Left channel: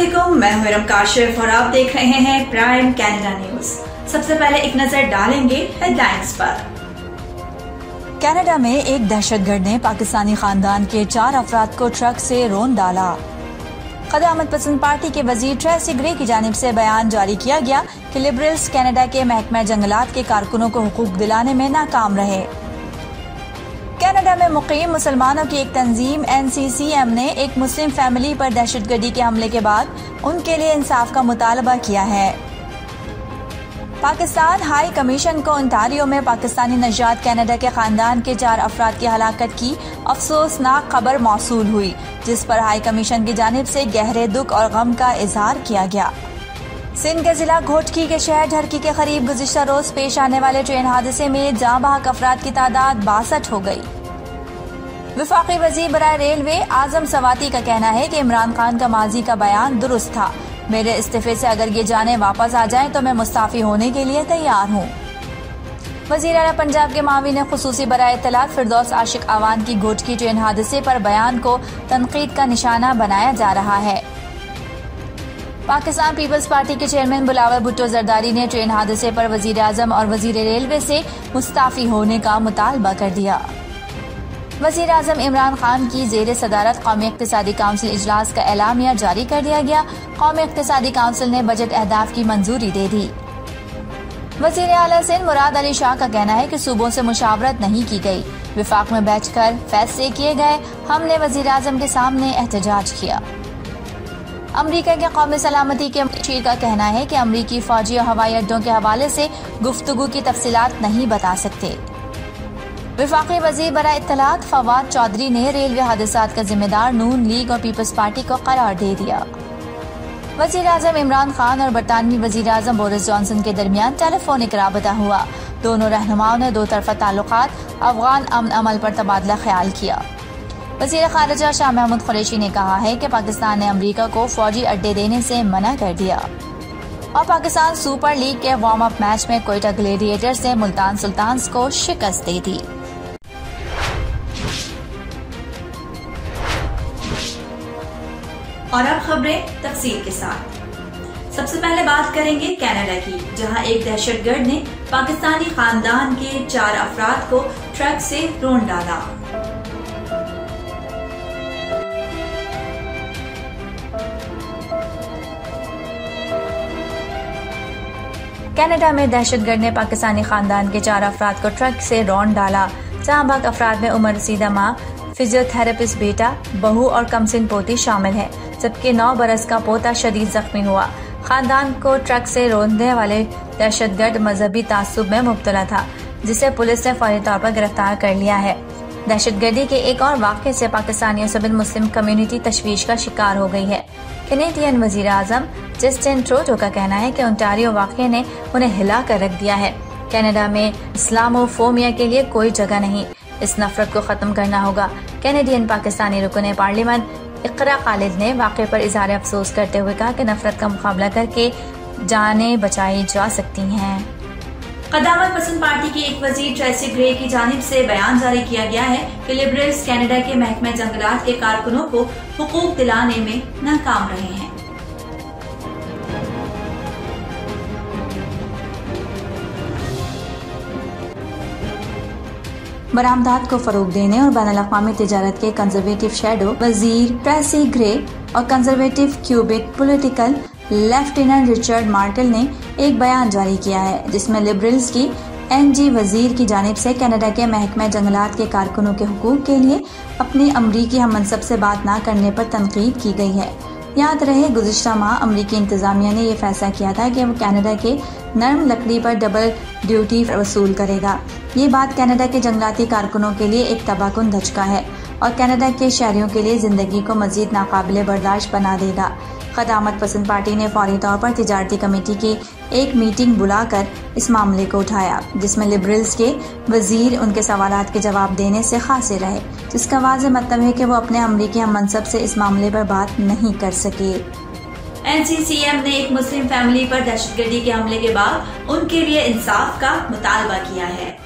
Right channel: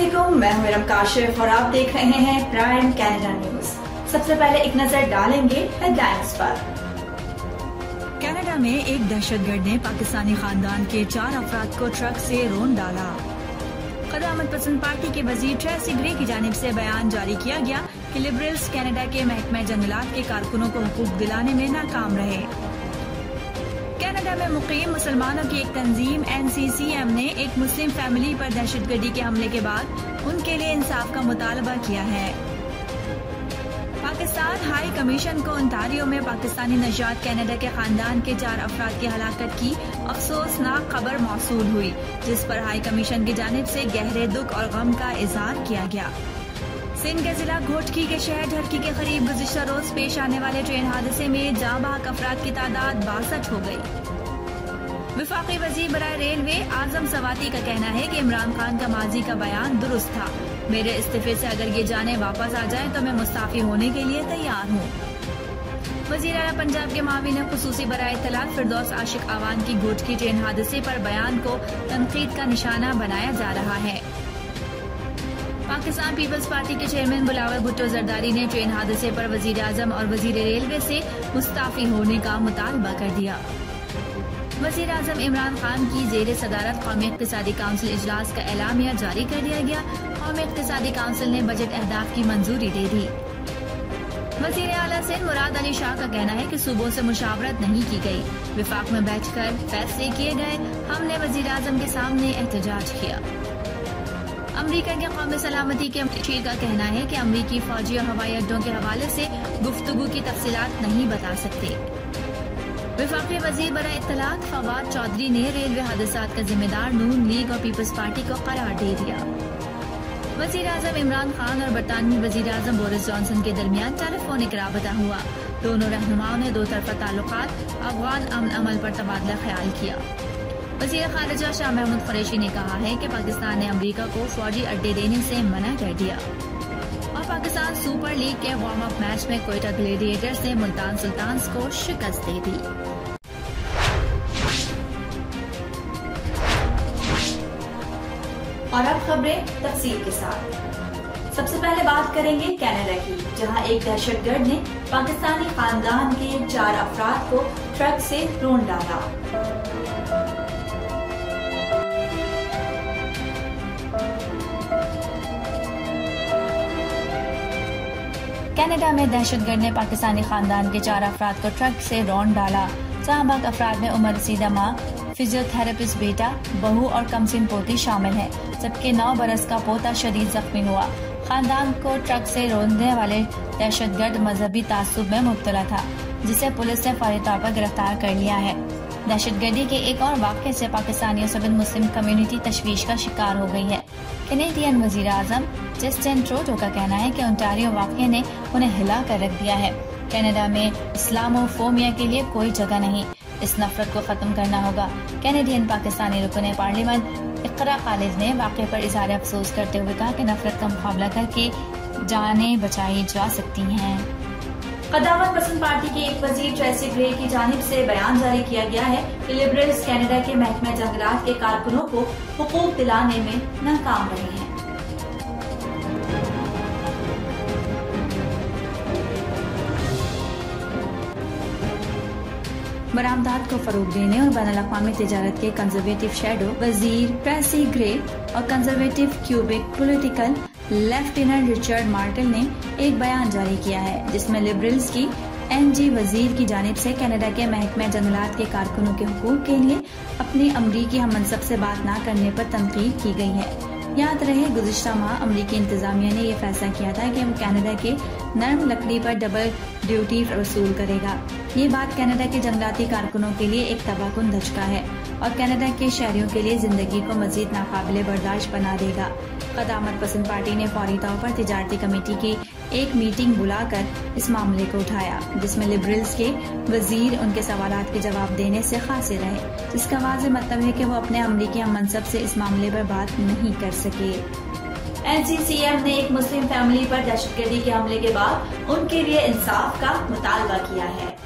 अस्सलामुअलैकुम, मैं हूं इरम काशिफ और आप देख रहे हैं प्राइम कनाडा न्यूज। सबसे पहले एक नजर डालेंगे हेडलाइंस पर। कनाडा में एक दहशतगर्द ने पाकिस्तानी खानदान के 4 अफराद को ट्रक से रौंद डाला। क़यामत पसंद पार्टी के वजीर ट्रेसी ग्रे की जानिब से बयान जारी किया गया कि लिबरल्स कनाडा के महकमा जंगलात के कारकुनों को हुकूक दिलाने में नाकाम रहे। कनाडा में मुकीम मुसलमानों की एक तंजीम NCCM ने एक मुस्लिम फैमिली पर दहशतगर्दी के हमले के बाद उनके लिए इंसाफ का मुतालबा किया है। पाकिस्तान हाई कमीशन को ओंटारियो में पाकिस्तानी नजात कनाडा के खानदान के 4 अफराद की हलाकत की अफसोसनाक खबर मौसूल हुई, जिस पर हाई कमीशन की जानिब से गहरे दुख और गम का इजहार किया गया। सिंध के जिला घोटकी के शहर ढरकी के करीब गुज़िश्ता रोज पेश आने वाले ट्रेन हादसे में जाँ बहक अफराद की तादाद 62 हो गई। वफाकी वजीर बराए रेलवे आजम सवाती का कहना है कि इमरान खान का माजी का बयान दुरुस्त था। मेरे इस्तीफे से अगर ये जाने वापस आ जाएं तो मैं मुस्ताफी होने के लिए तैयार हूँ। वज़ीर आला पंजाब के माविन खुसूसी बराए इत्तलात फिरदौस आशिक आवान की घोटकी ट्रेन हादसे पर बयान को तनकीद का निशाना बनाया जा रहा है। पाकिस्तान पीपल्स पार्टी के चेयरमैन बिलावल भुट्टो जरदारी ने ट्रेन हादसे पर वजीर आजम और वजीर रेलवे से मुस्ताफी होने का मुतालबा कर दिया। वजीर आजम इमरान खान की जेर सदारत कौमी इक़्तिसादी काउंसिल इजलास का एलामिया जारी कर दिया गया। कौमी इक़्तिसादी काउंसिल ने बजट अहदाफ की मंजूरी दे दी। वजीर आला सिंध मुराद अली शाह का कहना है कि सूबों से मुशावरत नहीं की गई, विफाक में बैठकर फैसले किए गए। हमने वजीर आजम के सामने एहतजाज किया। अमरीका के कौमी सलामती के मुशीर का कहना है कि अमरीकी फौजी हवाई अड्डों के हवाले से गुफ्तगू की तफसीलात नहीं बता सकते। वफाकी वजीर बराए इत्तलात फवाद चौधरी ने रेलवे हादसात का जिम्मेदार नून लीग और पीपल्स पार्टी को करार दे दिया। वजीर आजम इमरान खान और बरतानवी वजीर आजम बोरिस जॉनसन के दरमियान टेलीफोनिक राबता हुआ। दोनों रहनुमाओं ने दो तरफा ताल्लुकात, अफगान अमन अमल पर तबादला ख्याल किया। वजीर खारिजा शाह महमूद कुरैशी ने कहा है कि पाकिस्तान ने अमरीका को फौजी अड्डे देने से मना कर दिया। और पाकिस्तान सुपर लीग के वार्म अप मैच में कोयटा ग्लेडिएटर्स ने मुल्तान सुल्तान्स को शिकस्त दे दी। और अब खबरें तफसील के साथ। सबसे पहले बात करेंगे कनाडा की, जहां एक दहशतगर्द ने पाकिस्तानी खानदान के 4 अफराद को ट्रक से रौंद डाला। कनाडा में दहशतगर्द ने पाकिस्तानी खानदान के 4 अफराद को ट्रक से रौंद डाला। जहां बाग अफराद में उम्र रसीदा माँ, फिजियोथेरेपिस्ट बेटा, बहू और कमसिन पोती शामिल है, जबकि 9 बरस का पोता शदीद जख्मी हुआ। खानदान को ट्रक से रौंदने वाले दहशतगर्द मजहबी तासुब में मुब्तला था, जिसे पुलिस ने फौरी तौर पर गिरफ्तार कर लिया है। दहशतगर्दी के एक और वाक़े से पाकिस्तानियों समेत मुस्लिम कम्युनिटी तशवीश का शिकार हो गई है। कैनेडियन वजीर आजम जस्टिन ट्रूडो का कहना है कि ओंटारियो वाक़े ने उन्हें हिला कर रख दिया है। कनाडा में इस्लामोफोबिया के लिए कोई जगह नहीं, इस नफरत को खत्म करना होगा। कैनेडियन पाकिस्तानी रुकन पार्लियामेंट इकरा खालिद ने वाक़े पर इज़हार अफसोस करते हुए कहा कि नफरत का मुकाबला करके जानें बचाई जा सकती हैं। क़यामत पसंद पार्टी के एक वजीर ट्रेसी ग्रे की जानिब से बयान जारी किया गया है कि लिबरल्स कनाडा के महकमा जंगलात के कारकुनों को हुकूक दिलाने में नाकाम रहे हैं। बरामदात को फरोग देने और बैनुल-अक़वामी तिजारत के कंजर्वेटिव शैडो वजीर ट्रेसी ग्रे और conservative cubic political lieutenant Richard mortal ने एक बयान जारी किया है, जिसमें लिबरल्स की NG वजीर की जानिब से कनाडा के महकमा जंगलात के कारकुनों के हुकूक के लिए अपने अमरीकी हममनसब से बात न करने पर तनकीद की गई है। याद रहे, गुज़िश्ता माह अमरीकी इंतजामिया ने यह फैसला किया था कि वो कनाडा के नरम लकड़ी पर डबल ड्यूटी वसूल करेगा। ये बात कनाडा के जंगलाती कारकुनों के लिए एक तबाहकुन धचका है और कनाडा के शहरियों के लिए जिंदगी को मजीद नाकाबिले बर्दाश्त बना देगा। क़यामत पसंद पार्टी ने फौरी तौर पर तिजारती कमेटी की एक मीटिंग बुलाकर इस मामले को उठाया, जिसमें लिबरल्स के वजीर उनके सवालात के जवाब देने से खासे रहे, जिसका वाज़ेह मतलब है कि वो अपने अमरीकी हममनसब से इस मामले पर बात नहीं कर सके। NCCM ने एक मुस्लिम फैमिली पर दहशतगर्दी के हमले के बाद उनके लिए इंसाफ का मुतालबा किया है।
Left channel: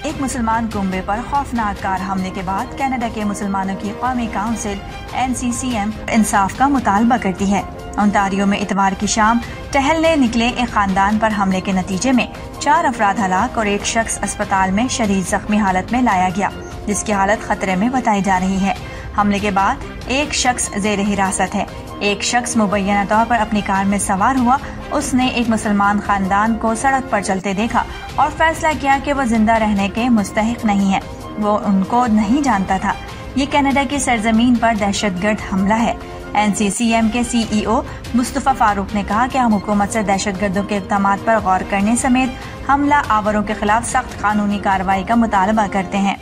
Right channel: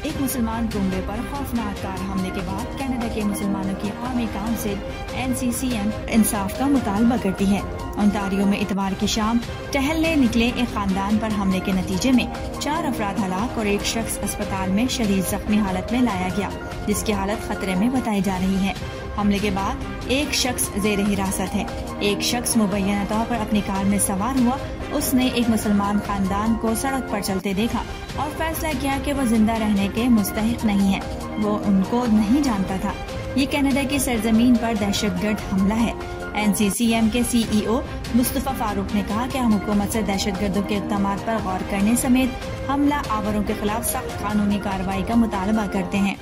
एक मुसलमान कुंबे पर खौफनाक कार हमले के बाद कनाडा के मुसलमानों की कौमी काउंसिल NCCM इंसाफ का मुतालबा करती है। ओंटारियो में इतवार की शाम टहलने निकले एक खानदान पर हमले के नतीजे में 4 अफराद हलाक और एक शख्स अस्पताल में शदीद जख्मी हालत में लाया गया, जिसकी हालत खतरे में बताई जा रही है। हमले के बाद एक शख्स जेर हिरासत है। एक शख्स मुबैना तौर पर अपनी कार में सवार हुआ। उसने एक मुसलमान खानदान को सड़क पर चलते देखा और फैसला किया कि वो जिंदा रहने के मुस्तहिक नहीं है। वो उनको नहीं जानता था। ये कनाडा की सरजमीन पर दहशतगर्द हमला है। NCCM के CEO मुस्तफा फारूक ने कहा कि हम हुकूमत से दहशतगर्दों के इक़दाम पर गौर करने समेत हमला आवरों के खिलाफ सख्त कानूनी कार्रवाई का मुतालबा करते हैं।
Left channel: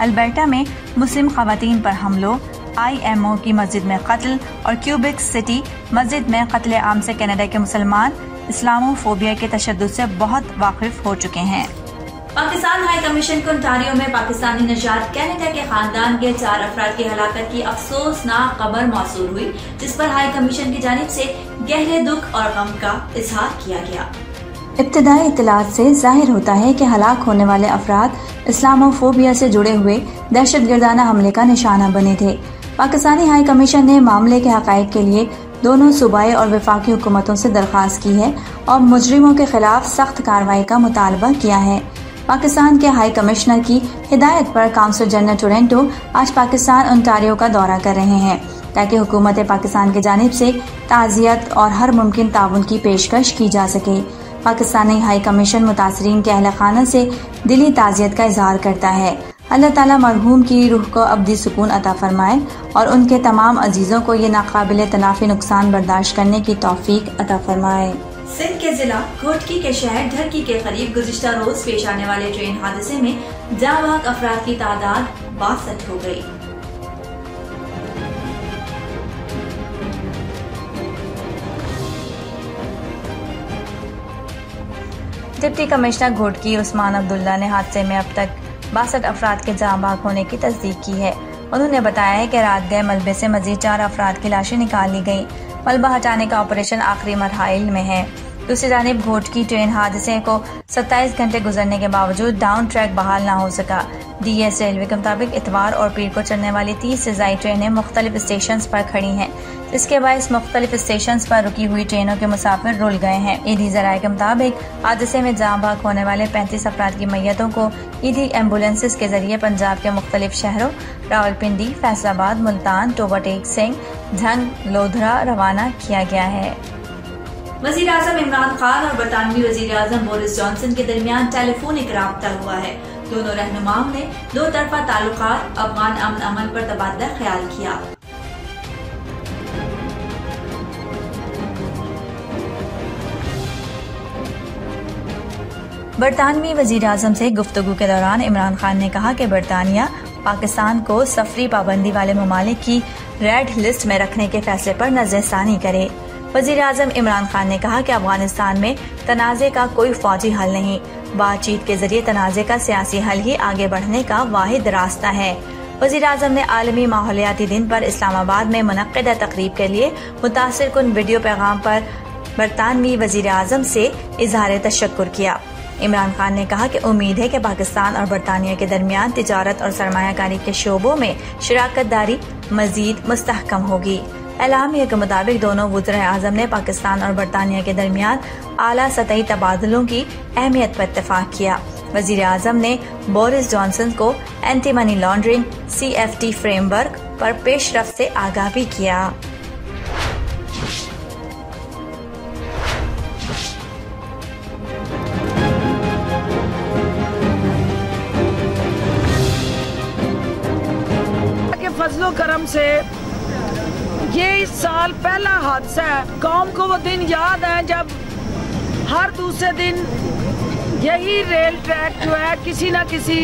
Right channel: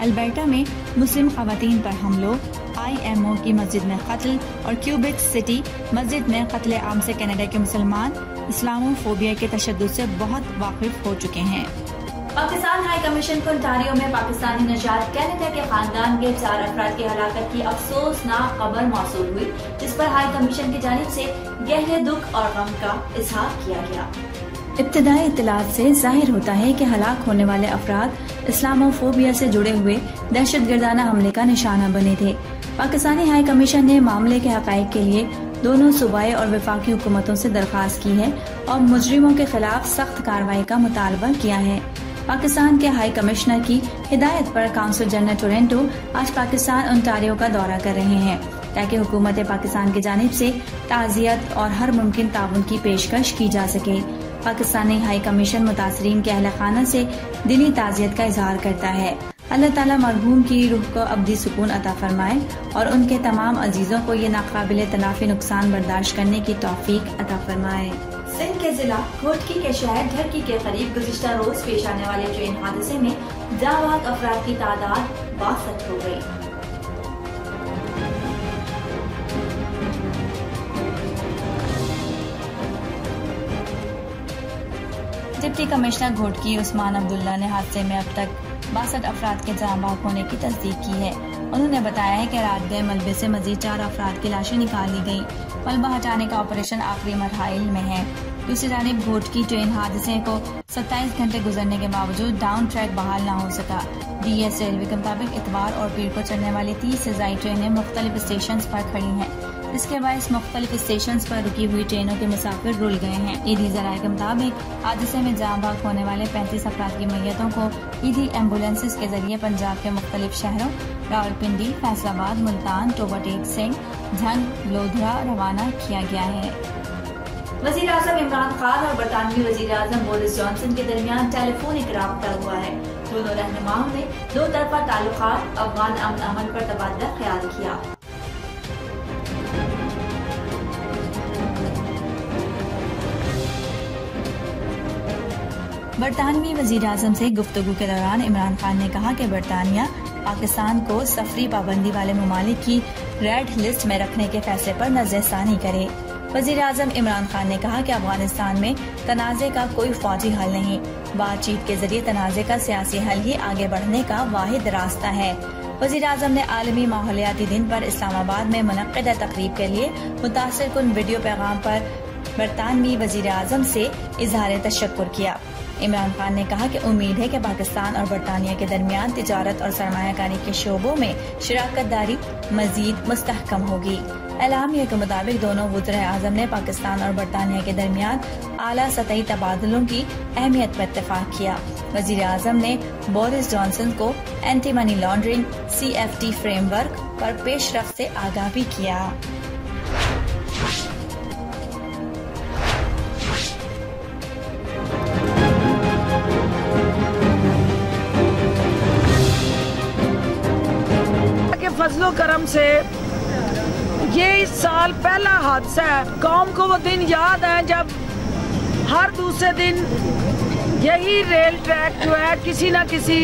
अल्बर्टा में मुस्लिम खवातीन पर हमलों, IMO की मस्जिद में कत्ल और क्यूबिक सिटी मस्जिद में कत्ले आम से कनाडा के मुसलमान इस्लामोफोबिया के तशद्दुद से बहुत वाकिफ हो चुके हैं। पाकिस्तान हाई कमीशन को ओंटारियो में पाकिस्तानी नजात कनाडा के खानदान के 4 अफराद की हलाकत की अफसोसनाक खबर मौसूल हुई, जिस पर हाई कमीशन की जानिब से गहरे दुख और गम का इजहार किया गया। इब्तदाई इत्तलात से जाहिर होता है कि हलाक होने वाले अफराद इस्लामोफोबिया से जुड़े हुए दहशतगर्दाना हमले का निशाना बने थे। पाकिस्तानी हाई कमीशन ने मामले के हकाइक के लिए दोनों सूबाई और वफाकी हुकूमतों से दरख्वास्त की है और मुजरिमों के खिलाफ सख्त कार्रवाई का मुतालबा किया है। पाकिस्तान के हाई कमिश्नर की हिदायत पर काउंसिल जनरल टोरंटो आज पाकिस्तान ओंटारियो का दौरा कर रहे हैं, ताकि हुकूमत पाकिस्तान की जानिब से ताज़ियत और हर मुमकिन ताउन की पेशकश की जा सके। पाकिस्तानी हाई कमीशन मुतासरीन के अहल खाना से दिली ताज़ियत का इजहार करता है। अल्लाह ताला मरहूम की रूह को अब्दी सुकून अता फरमाए और उनके तमाम अजीजों को ये नाकाबिले तनाफी नुकसान बर्दाश्त करने की तौफीक अता फरमाए। सिंध के जिला घोटकी के शहर ढरकी के करीब गुज़िश्ता रोज पेश आने वाले ट्रेन हादसे में जाँ बहक अफराद की तादाद 62 हो गयी। डिप्टी कमिश्नर घोटकी उस्मान अब्दुल्ला ने हादसे में अब तक 62 अफराद के जाँ बहक होने की तस्दीक की है। उन्होंने बताया है कि रात गए मलबे से मजीद 4 अफराद की लाशें निकाल ली गयी। मलबा हटाने का ऑपरेशन आखिरी मरहाइल में है। दूसरी जानिब घोटकी ट्रेन हादसे को 27 घंटे गुजरने के बावजूद डाउन ट्रैक बहाल न हो सका। DS रेलवे के मुताबिक इतवार और पीर को चलने वाली 30 से ज्यादा ट्रेनें मुख्तलिफ स्टेशन पर खड़ी हैं, जिसके बायस मुख्तलिफ स्टेशन पर रुकी हुई ट्रेनों के मुसाफिर रुल गए हैं। ईदी जराये के मुताबिक हादसे में जाँ बहक होने वाले 35 अफराद की मैयतों को ईदी एम्बुलेंसेज के जरिए पंजाब के मुख्तलिफ शहरों रावलपिंडी, फैसलाबाद, मुल्तान, टोबा टेक सिंह, झंग, लोधरा रवाना किया गया है। वज़ीर आज़म इमरान खान और बरतानवी वज़ीर आज़म बोरिस जॉनसन के दरमियान टेलीफोनिक राब्ता हुआ है। दोनों रहनुमाओं ने 2 तरफा ताल्लुकात, अफगान अमन पर तबादला ख्याल किया। बरतानवी वज़ीर आज़म से गुफ्तगू के दौरान इमरान खान ने कहा कि बरतानिया पाकिस्तान को सफरी पाबंदी वाले ममालिक की रेड लिस्ट में रखने के फैसले पर नजरसानी करे। वज़ीर आज़म इमरान खान ने कहा कि अफगानिस्तान में तनाज़े का कोई फौजी हल नहीं, बातचीत के जरिए तनाज़े का सियासी हल ही आगे बढ़ने का वाहिद रास्ता है। वज़ीर आज़म ने आलमी माहौलियाती दिन पर इस्लामाबाद में मुनक्किदा तकरीब के लिए मुतासिर कुन वीडियो पैगाम पर बरतानवी वज़ीर आज़म से इजहार तशक्कुर किया। इमरान खान ने कहा कि उम्मीद है कि पाकिस्तान और बरतानिया के दरमियान तिजारत और सरमायाकारी के शोबों में शराकत दारी मजीद मुस्तहकम होगी। एलामिया के मुताबिक दोनों वज़ीर आज़म ने पाकिस्तान और बरतानिया के दरमियान आला सतही तबादलों की अहमियत पर इत्तफाक किया। वज़ीर आज़म ने बोरिस जॉनसन को anti money laundering CFT framework पर पेशरफ्त से आगाह भी किया। फजलो करम से ये इस साल पहला हादसा है। कौम को वो दिन याद है जब हर दूसरे दिन यही रेल ट्रैक जो है किसी न किसी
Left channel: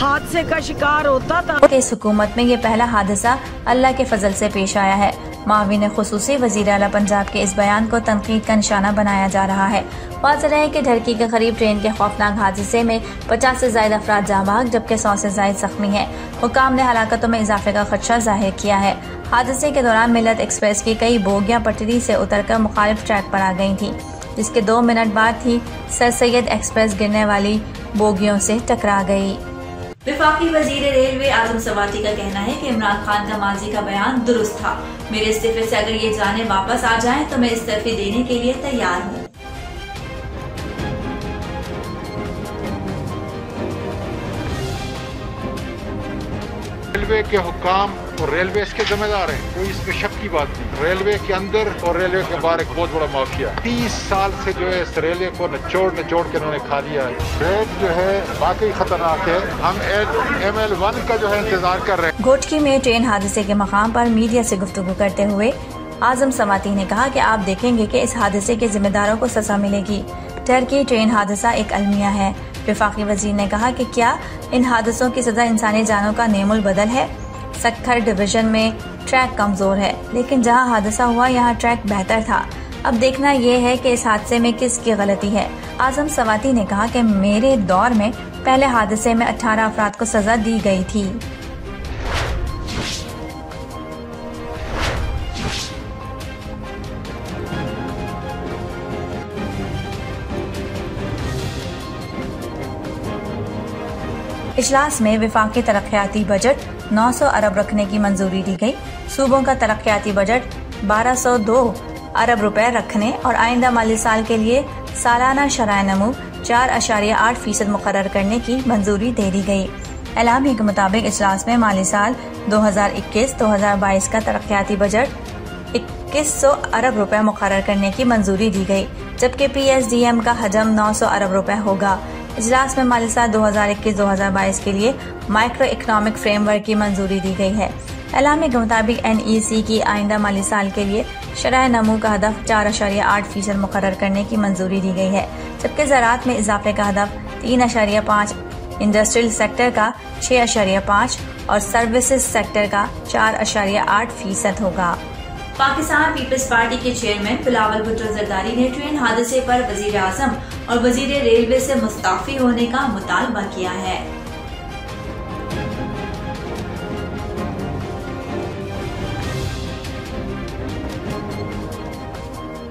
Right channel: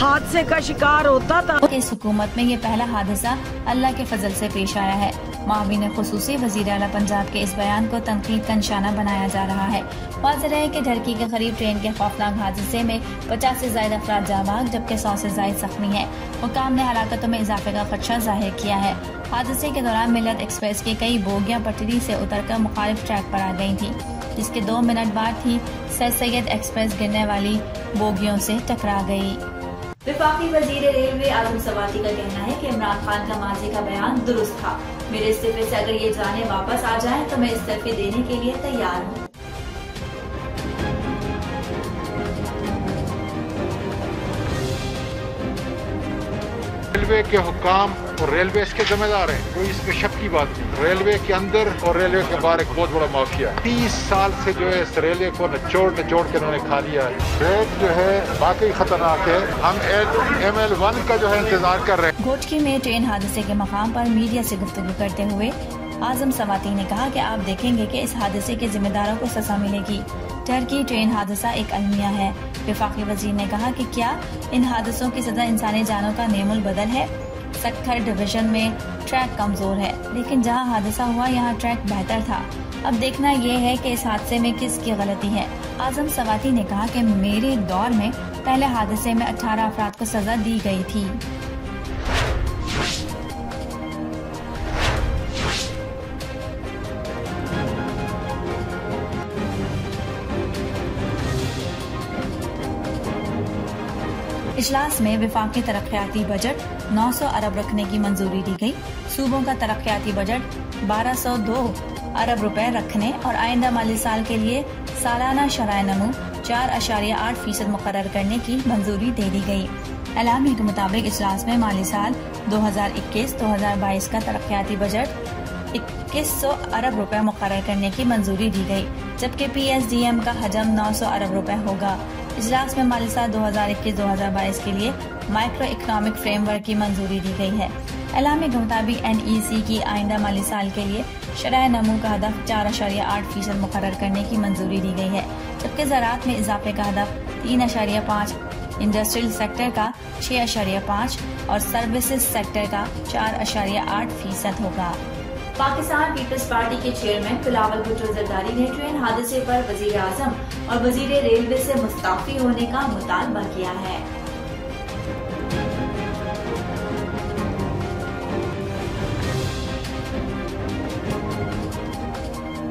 हादसे का शिकार होता था। इस हुकूमत में ये पहला हादसा अल्लाह के फजल से पेश आया है। माविन खुसूसी वज़ीर आला पंजाब के इस बयान को तनकीद का निशाना बनाया जा रहा है। वाज़ेह है कि ढरकी के करीब ट्रेन के खौफनाक हादसे में 50 से ज्यादा अफराद जाँ बहक जबकि 100 से ज्यादा जख्मी हैं। हुकाम ने हलाकतों में इजाफे का खदशा जाहिर किया है। हादसे के दौरान मिलत एक्सप्रेस की कई बोगियां पटरी से उतरकर मुखालिफ ट्रैक पर आ गई थी, जिसके 2 मिनट बाद ही सर सैयद एक्सप्रेस गिरने वाली बोगियों से टकरा गई। वफाकी वजीर रेलवे आजम सवाती का कहना है कि इमरान खान का माजी का बयान दुरुस्त था। मेरे इस्तीफे से अगर ये जाने वापस आ जाएं तो मैं इस्तीफे देने के लिए तैयार हूँ। रेलवे के हुक्काम और रेलवे इसके जिम्मेदार हैं, कोई इसमें शक की बात नहीं। रेलवे के अंदर और रेलवे के बाहर एक बहुत बड़ा माफिया है। 30 साल से जो है इस रेलवे को निचोड़ के उन्होंने खा लिया है। ट्रैक जो है वाकई खतरनाक है। हम ML1 का जो है इंतजार कर रहे हैं। घोटकी में ट्रेन हादसे के मकाम पर मीडिया से गुफ्तगू करते हुए आजम सवाती ने कहा कि आप देखेंगे कि इस हादसे के जिम्मेदारों को सजा मिलेगी। टर्की ट्रेन हादसा एक अलमिया है। वफाकी वजीर ने कहा कि क्या इन हादसों की सजा इंसानी जानों का नेमुल बदल है। सक्खर डिवीजन में ट्रैक कमजोर है, लेकिन जहां हादसा हुआ यहां ट्रैक बेहतर था। अब देखना यह है कि इस हादसे में किसकी गलती है। आजम सवाती ने कहा कि मेरे दौर में पहले हादसे में 18 अफराद को सजा दी गई थी। इजलास में वफाकी तरक्याती बजट 900 अरब रखने की मंजूरी दी गई। सूबों का तरक्याती बजट 1202 अरब रुपए रखने और आइंदा माली साल के लिए सालाना शराय नमू 4.8% मुकर्रर करने की मंजूरी दे दी गई। एलामी के मुताबिक इजलास में माली साल 2021-2022 का तरक्याती बजट 2100 अरब रुपए मुकर्रर करने की मंजूरी दी गई, जबकि PSDM का हजम 900 अरब रुपए होगा। इजलास में माली साल 2021-2022 के लिए माइक्रो इकोनॉमिक फ्रेमवर्क की मंजूरी दी गई है। एलामी के मुताबिक NEC की आइंदा माली साल के लिए शरह नमू का हदफ 4.8% मुकर्रर करने की मंजूरी दी गई है, जबकि ज़राअत में इजाफे का हदफ 3.5, इंडस्ट्रियल सेक्टर का 6.5 और सर्विसेज सेक्टर का 4.8% होगा। पाकिस्तान पीपल्स पार्टी के चेयरमैन बिलावल भुट्टो जरदारी ने ट्रेन हादसे पर वजीर आजम और वजीर रेलवे से मुस्ताफी होने का मुतालबा किया है।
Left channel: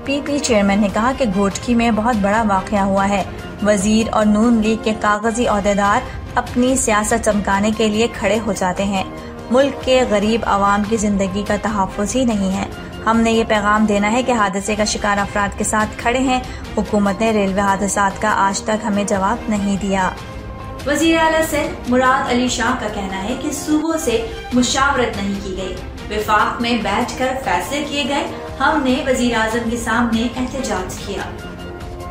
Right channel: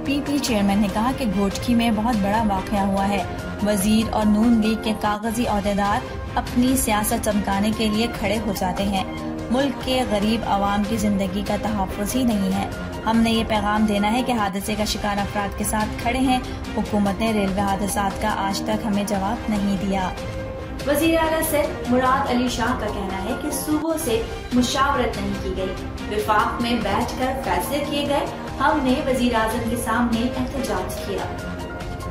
PP चेयरमैन ने कहा कि घोटकी में बहुत बड़ा वाकया हुआ है। वजीर और नून लीग के कागजी ओहदेदार अपनी सियासत चमकाने के लिए खड़े हो जाते हैं। मुल्क के गरीब आवाम की जिंदगी का तहफ़्फ़ुज़ ही नहीं है। हमने ये पैगाम देना है कि हादसे का शिकार अफराद के साथ खड़े हैं। हुकूमत ने रेलवे हादसात का आज तक हमें जवाब नहीं दिया। वज़ीर आला सिंध मुराद अली शाह का कहना है कि सूबों से मुशावरत नहीं की गई, विफाक में बैठकर फैसले किए गए। हमने वज़ीर आज़म के सामने एहतजाज किया।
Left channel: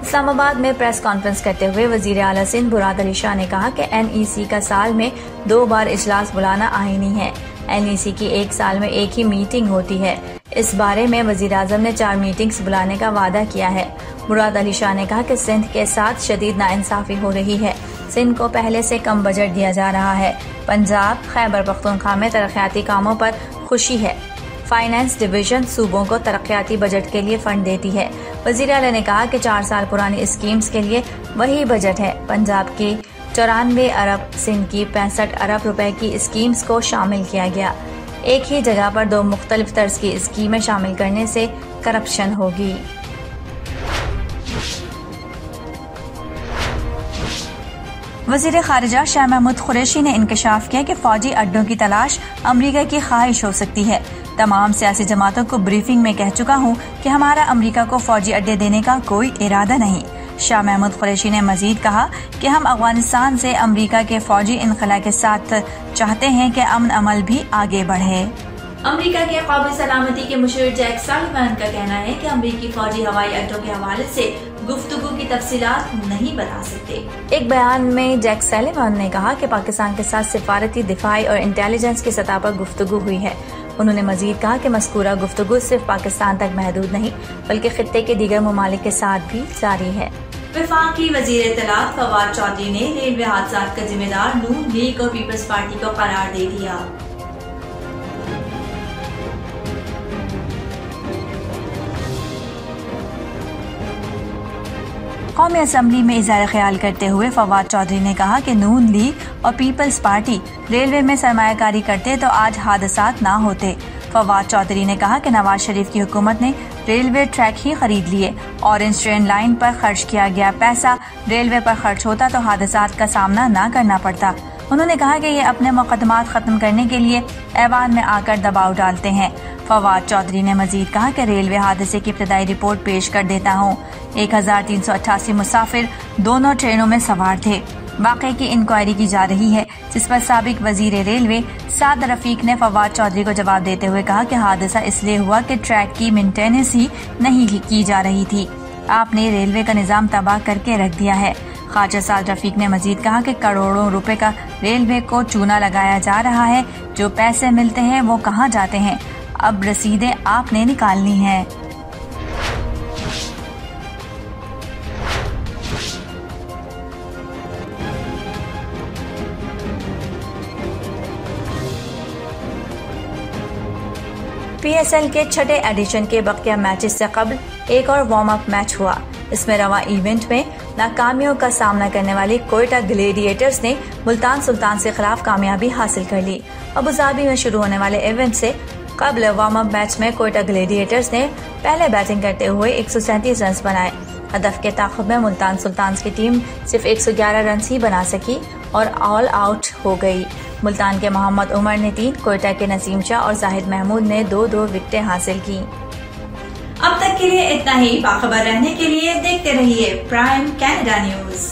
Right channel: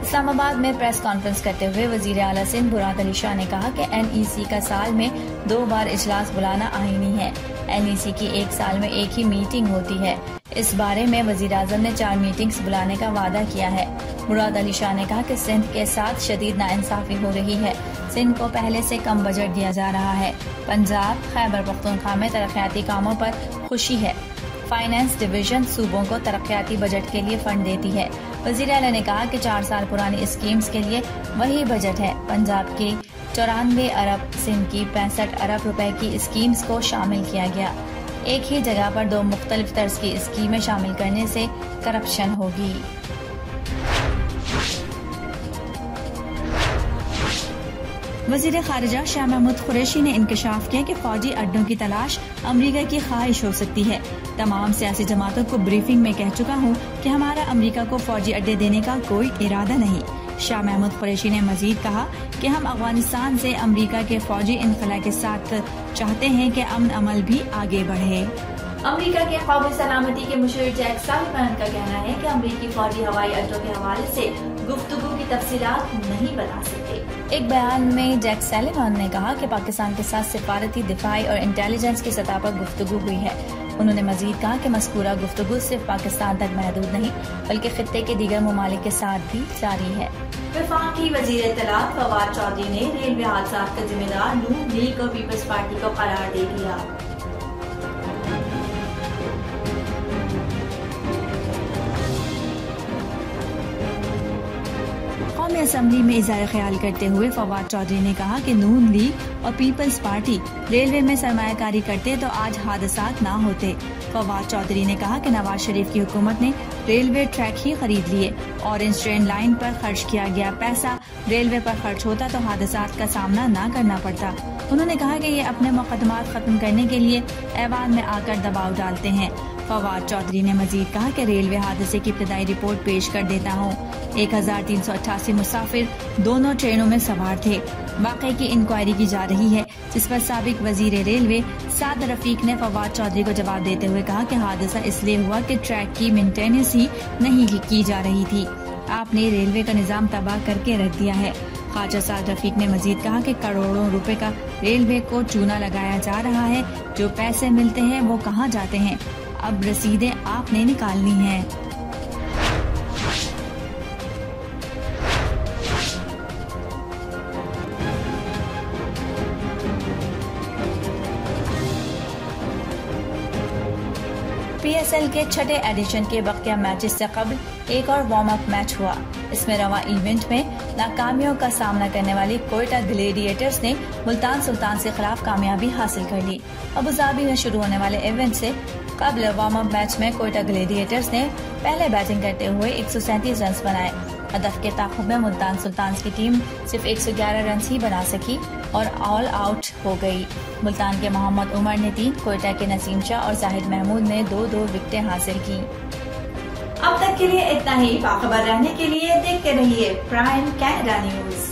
इस्लामाबाद में प्रेस कॉन्फ्रेंस करते हुए वजीर आला सिंध मुराद अली शाह ने कहा कि NEC का साल में 2 बार इजलास बुलाना आईनी है। NEC की एक साल में एक ही मीटिंग होती है। इस बारे में वजीर आजम ने 4 मीटिंग्स बुलाने का वादा किया है। मुराद अली शाह ने कहा कि सिंध के साथ शदीद नाइंसाफी हो रही है। सिंध को पहले से कम बजट दिया जा रहा है। पंजाब, खैबर पख्तूनख्वा में तरक्याती कामों पर खुशी है। फाइनेंस डिवीजन सूबों को तरक्याती बजट के लिए फंड देती है। वजीर आला ने कहा कि 4 साल पुरानी स्कीम्स के लिए वही बजट है। पंजाब की 94 अरब, सिंध की 65 अरब रुपए की स्कीम्स को शामिल किया गया। एक ही जगह पर 2 मुख्तलिफ तर्ज की स्कीमें शामिल करने से करप्शन होगी। वज़ीर ख़ारिजा शाह महमूद कुरैशी ने इंकशाफ किया कि फौजी अड्डों की तलाश अमरीका की ख्वाहिश हो सकती है। तमाम सियासी जमातों को ब्रीफिंग में कह चुका हूँ कि हमारा अमरीका को फौजी अड्डे देने का कोई इरादा नहीं। शाह महमूद कुरैशी ने मजीद कहा कि हम अफगानिस्तान से अमरीका के फौजी इनखला के साथ चाहते हैं कि अमन अमल भी आगे बढ़े। अमरीका के कौमी सलामती के मुशीर जैक सलिवान का कहना है कि अमरीकी फौजी हवाई अड्डों के हवाले से गुफ्तगू की तफसीलात नहीं बता सकते। एक बयान में जैक सलिवान ने कहा कि पाकिस्तान के साथ सिफारती, दिफाई और इंटेलिजेंस की सतह पर गुफ्तगू हुई है। उन्होंने मजीद कहा कि मज़कूरा गुफ्तगू सिर्फ पाकिस्तान तक महदूद नहीं बल्कि खित्ते के दीगर ममालिक के साथ भी जारी है। वफाकी वज़ीर इत्तलात फवाद चौधरी ने रेलवे हादसा का जिम्मेदार नून लीग और पीपल्स पार्टी को करार दे दिया। कौमी असम्बली में इज़हार ख्याल करते हुए फवाद चौधरी ने कहा कि नून लीग और पीपल्स पार्टी रेलवे में सरमायाकारी करते तो आज हादसात ना होते। फवाद चौधरी ने कहा कि नवाज शरीफ की हुकूमत ने रेलवे ट्रैक ही खरीद लिए। ऑरेंज ट्रेन लाइन पर खर्च किया गया पैसा रेलवे पर खर्च होता तो हादसात का सामना न करना पड़ता। उन्होंने कहा कि ये अपने मुकदमात खत्म करने के लिए ऐवान में आकर दबाव डालते हैं। फवाद चौधरी ने मजीद कहा कि रेलवे हादसे की इब्तदाई रिपोर्ट पेश कर देता हूँ। 1388 मुसाफिर दोनों ट्रेनों में सवार थे। वाकये की इंक्वायरी की जा रही है, जिस पर साबिक वजीर रेलवे साद रफीक ने फवाद चौधरी को जवाब देते हुए कहा कि हादसा इसलिए हुआ कि ट्रैक की मेंटेनेंस ही नहीं की जा रही थी। आपने रेलवे का निजाम तबाह करके रख दिया है। ख्वाजा साद रफीक ने मजीद कहा कि करोड़ों रुपए का रेलवे को चूना लगाया जा रहा है। जो पैसे मिलते हैं वो कहाँ जाते हैं? अब रसीदें आपने निकालनी है। PSL के छठे एडिशन के बकिया मैचेस से कबल एक और वार्म अप मैच हुआ। इसमें रवा इवेंट में नाकामियों का सामना करने वाली कोयटा ग्लेडिएटर्स ने मुल्तान सुल्तान से खिलाफ कामयाबी हासिल कर ली। अबू धाबी में शुरू होने वाले इवेंट से कबल वार्म अप मैच में कोयटा ग्लेडिएटर्स ने पहले बैटिंग करते हुए 137 रन बनाए। हदफ के ताक़ुब में मुल्तान सुल्तान की टीम सिर्फ 111 रन ही बना सकी और ऑल आउट हो गई। मुल्तान के मोहम्मद उमर ने 3, कोयटा के नसीम शाह और जाहिद महमूद ने 2-2 विकेटें हासिल की। अब तक के लिए इतना ही। बाखबर रहने के लिए देखते रहिए प्राइम कनाडा न्यूज।